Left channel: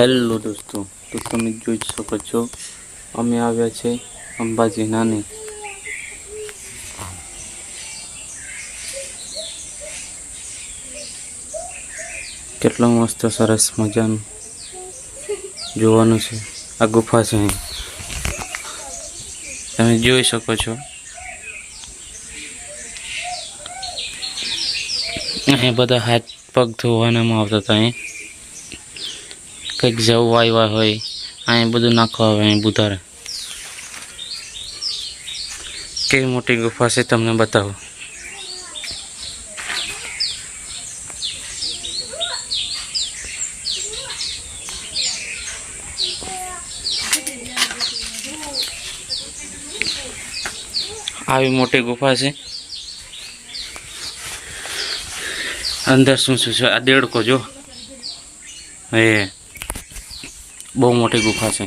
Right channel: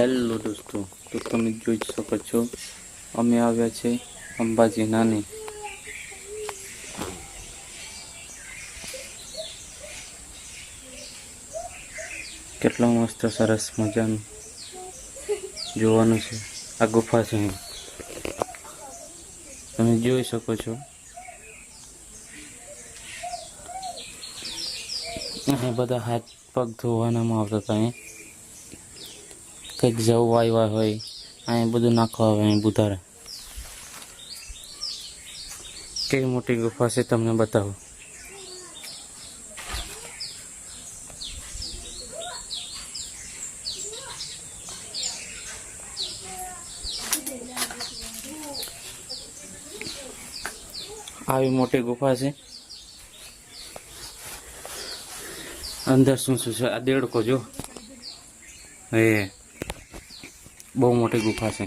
હેલો દોસ્તો, તો તમે જોઈ શકો છો અમે આવ્યા છે અંબાજી નાની. કેટલું મસ્ત સરસ મજાનું જોવાનું છે. આ ગુફા છે, તમે જોઈ શકો છો. અહીં બધા હાથ પગ ધોવાનામાં આવતા હતા. અહીં કંઈક જવું આવ્યા હોય અહીં બધું નાખવા આવે. અહીં બુધારે કેવી મોટી ગુફા છે તમને બતાવો. આવી મોટી ગુફા છે. અંદર શું શું છે? આ દેડકો જો, એ બહુ મોટી ગુફા છે.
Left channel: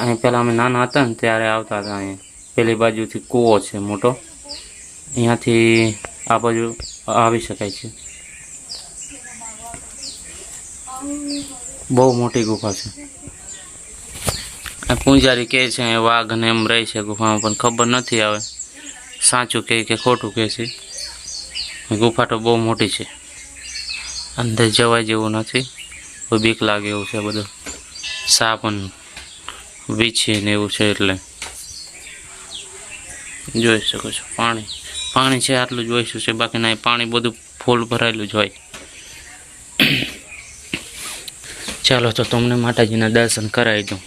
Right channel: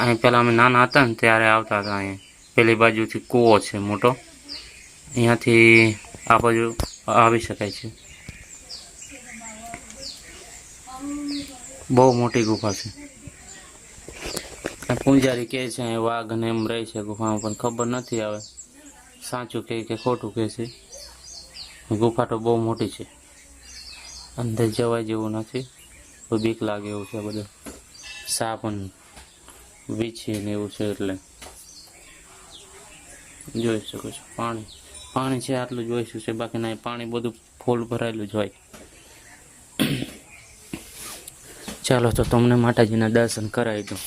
અહીં પહેલાં અમે નાના હતા ને ત્યારે આવતા હતા. અહીં પેલી બાજુથી કૂવો છે મોટો, અહીંયાથી આ બાજુ આવી શકાય છે. બહુ મોટી ગુફા છે. પૂજારી કહે છે વાઘ ને એમ રહે છે ગુફામાં, પણ ખબર નથી આવે સાચું કહે કે ખોટું કહે છે. ગુફા તો બહુ મોટી છે, અંદર જવાય જેવું નથી. બીક લાગે એવું છે. બધું સાપ વીછે ને એવું છે. એટલે જોઈ શકો છો પાણી છે, આટલું જોઈશું છે. બાકી ના, પાણી બધું ફૂલ ભરાયેલું જ હોય. ચાલો તો તમને માતાજીના દર્શન કરાવી દઉં.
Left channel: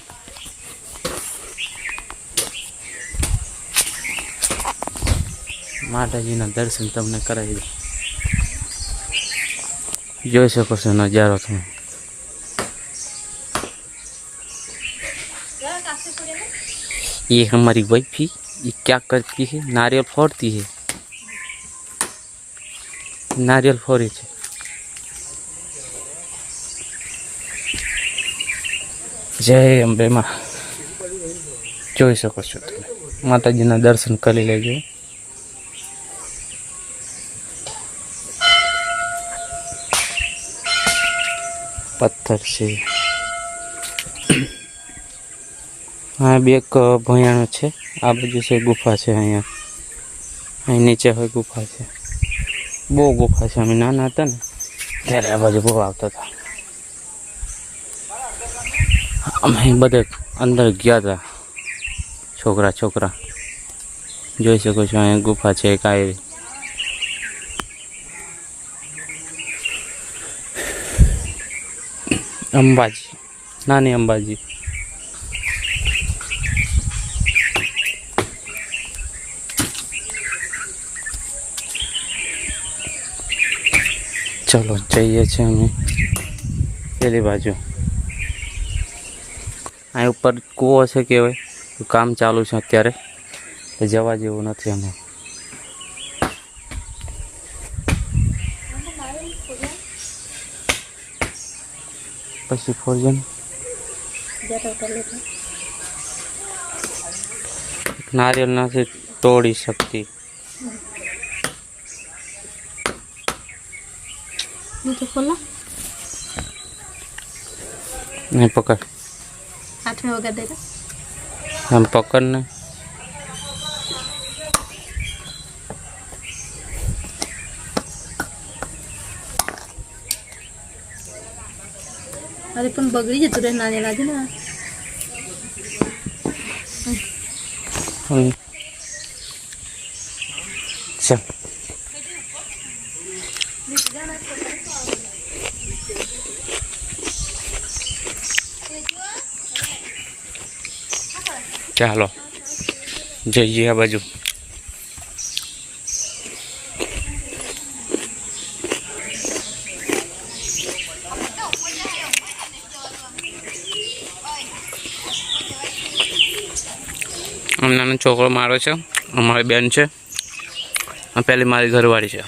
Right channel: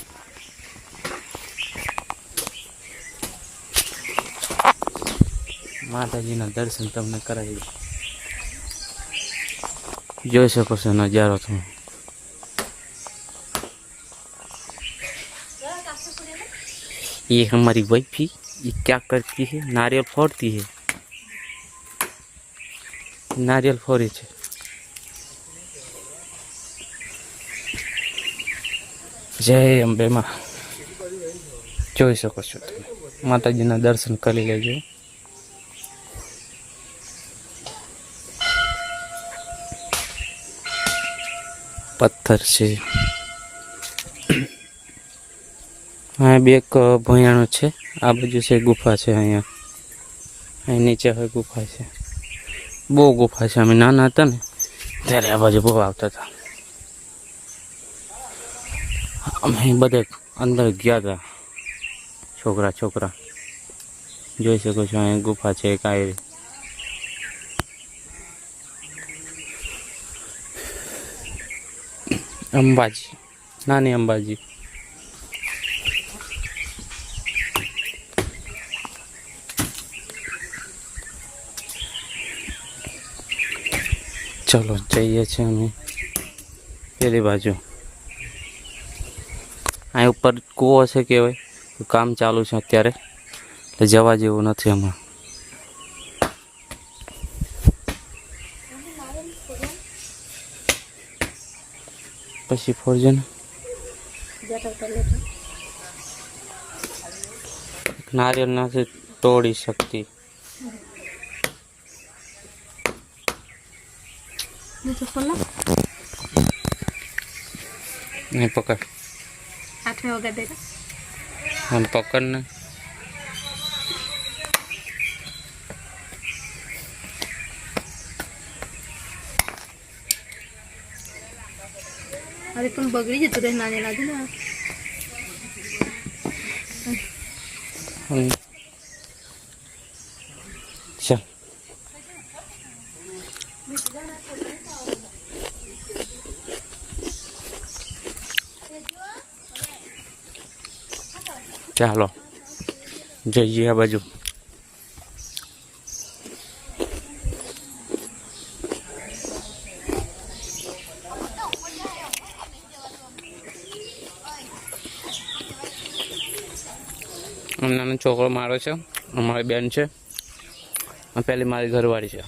માતાજીના દર્શન તમને કરાવી દઉં. જોઈ શકો છો નજારો તમે. ये हमारी वाइफी, ये क्या करती है? नारियल फोड़ती है. नारियल फोड़ी है. जय अंबे माँ. જોઈ શકો છો તમે. માતાજીના દર્શન કરી લેજો. પથ્થર છે. હા, બે એક ભયાણો છે. આ બાજુ છે ગુફા છે. અહીંયા અહીં નીચે હોય ગુફા છે. બહુ ગુફા છે. અમે નાના હતા ને ત્યારે આ બાજુ બહુ આવતા હતા. અમે બધે અંદર ગયા હતા, છોકરા. જોઈ શકો છો અહીંયા ગુફા છે એક આવી. અંબાજી, નાની અંબાજી. ચલો જઈએ છીએ અમે પેલી બાજુ. આ ઉપર કૂવો છે કહેવાય. કામ ચાલુ છે અત્યારે, તો જવા જેવું નથી હમણાં. પછી ફોરજો ને. નારિયેલ નથી તોડી શકતી. नहीं पकड़, हाथ में होगा दे रहा। हम पकड़ने. अरे पण बगड़ी जतु रे नाने लागे ना. चल ચાલો જઈએ આ બાજુ. નાનો છોકરો મારો છે, અમારી બેન છે, પહેલી મારી ઘરવાળી છે.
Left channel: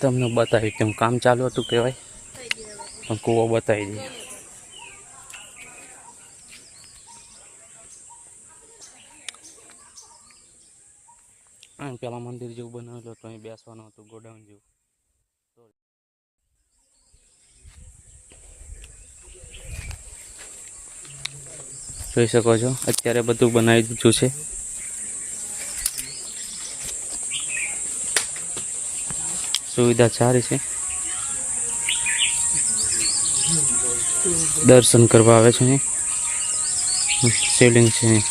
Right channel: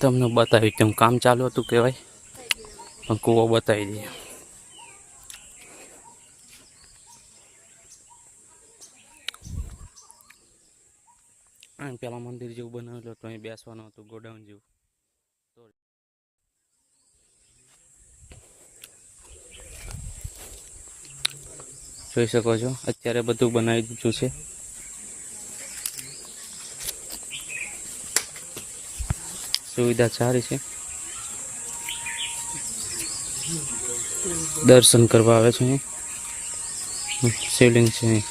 તમને બતાવી તેમ કામ ચાલુ હતું કહેવાય, પણ કૂવો બતાવી દઈએ. પેલા મંદિર જેવું બનાવેલું હતું, અહીં બેસવાનું હતું, ગોડાઉન જેવું. જોઈ શકો છો અત્યારે બધું બનાવી દીધું છે. સુવિધા સારી છે. દર્શન કરવા આવે છે અહીં. શિવલિંગ છે અહીં.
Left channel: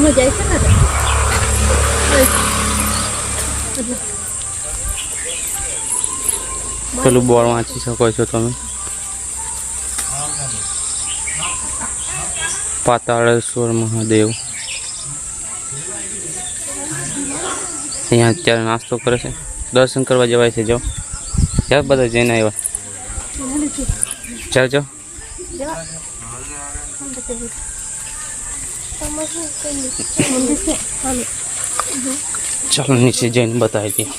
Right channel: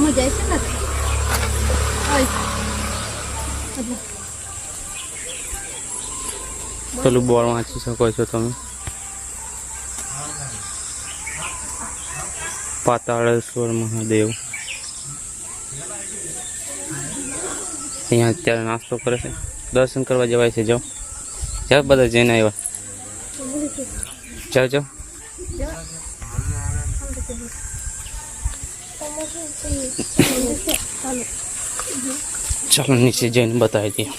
અમે જાય છે ને પેલું બોર્ડ વાંચી શકો છો તમે. પાતાળેશ્વર મહાદેવ. અહીંયા અત્યારે નાસ્તો કરે છે. દર્શન કરવા જવાય છે. જો ક્યાં બધા જઈને આવ્યા. ચાલજો. ચાલો નીચે જઈને બતાવી દઈએ.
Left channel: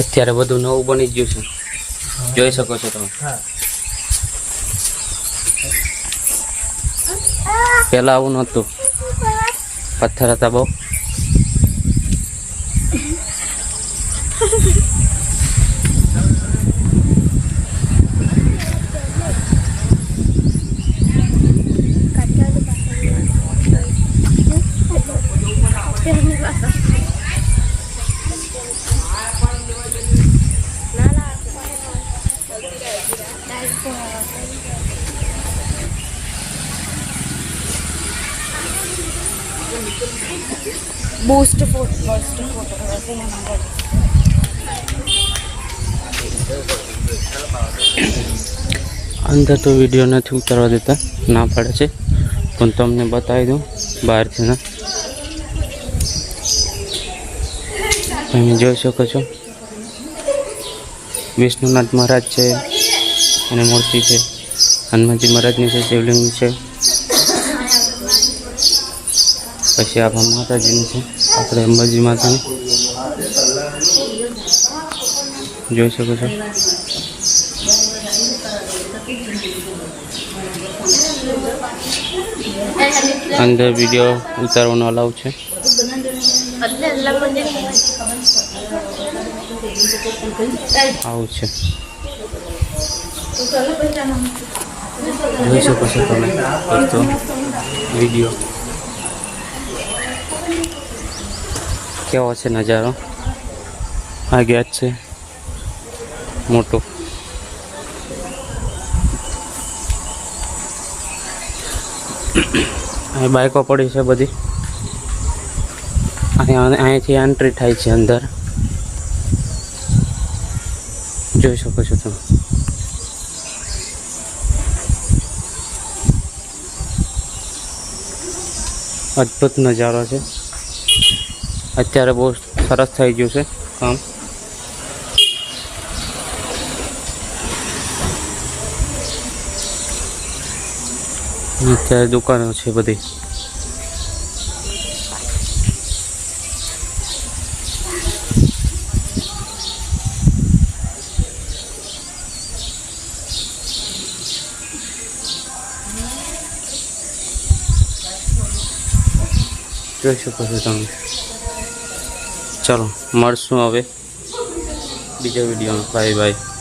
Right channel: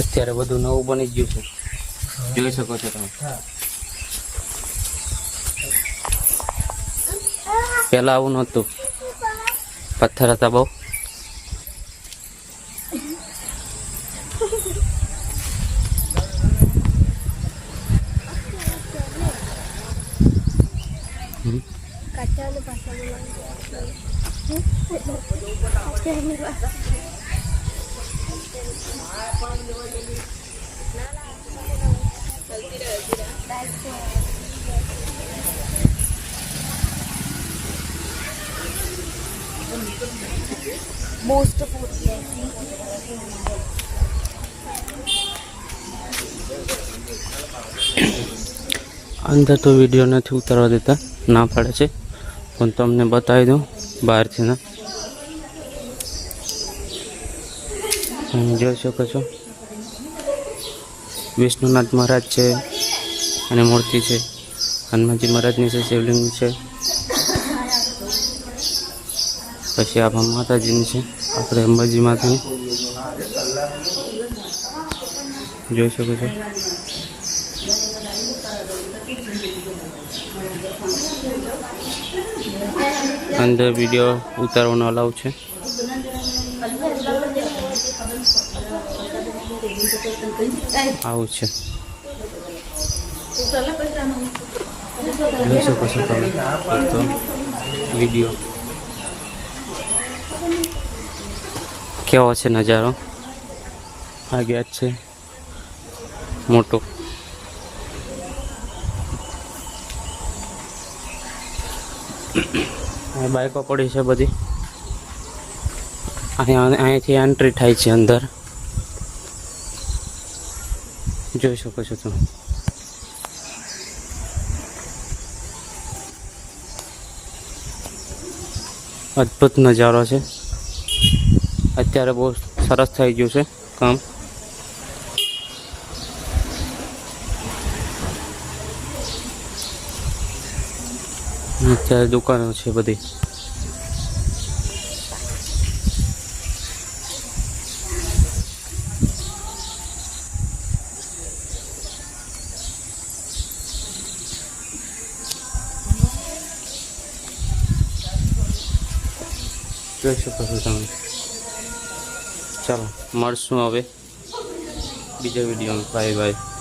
અત્યારે બધું નવું બની ગયું છે, જોઈ શકો છો તમે. પેલા આવું નહોતું, પથ્થર હતા બહુ. બૂસ્ટ ફોટો અંદર તો વિડીયો નથી ઉતારવા દેતા, ના પાડે છે, પણ તમને બતાવી દઉં બહારથી ના. તમે જોઈ શકો છો વિષ્ણુનાથ મહારાજ છે અને મૂર્તિ છે. હનુમાનજી મહારાજની છે, શિવલિંગ છે. પછી આપણા માતાજીની છે, આપણે અંબાજી માતાની જોઈ શકો છો. અંદર વિડીયો ઉતારવાનો અલાઉ છે. આવું છે, જોઈ શકો છો તમે દોસ્તો વિડીયો. કેવો છે નજારો. આ ગેટ છે મોટું. અહીં બાઈકો પડી છે બધી. અને અહીંથી એન્ટ્રી થાય છે અંદર, જોઈ શકો છો તમે. અદ્ભુત નજારો છે. અત્યારે બહુ સરસ થઈ ગયું છે કામ. અત્યારે દુકાનો છે બધી. જોઈ શકો છો તમે. ચલો મળશું હવે બીજા વિડીયોમાં. Bye bye.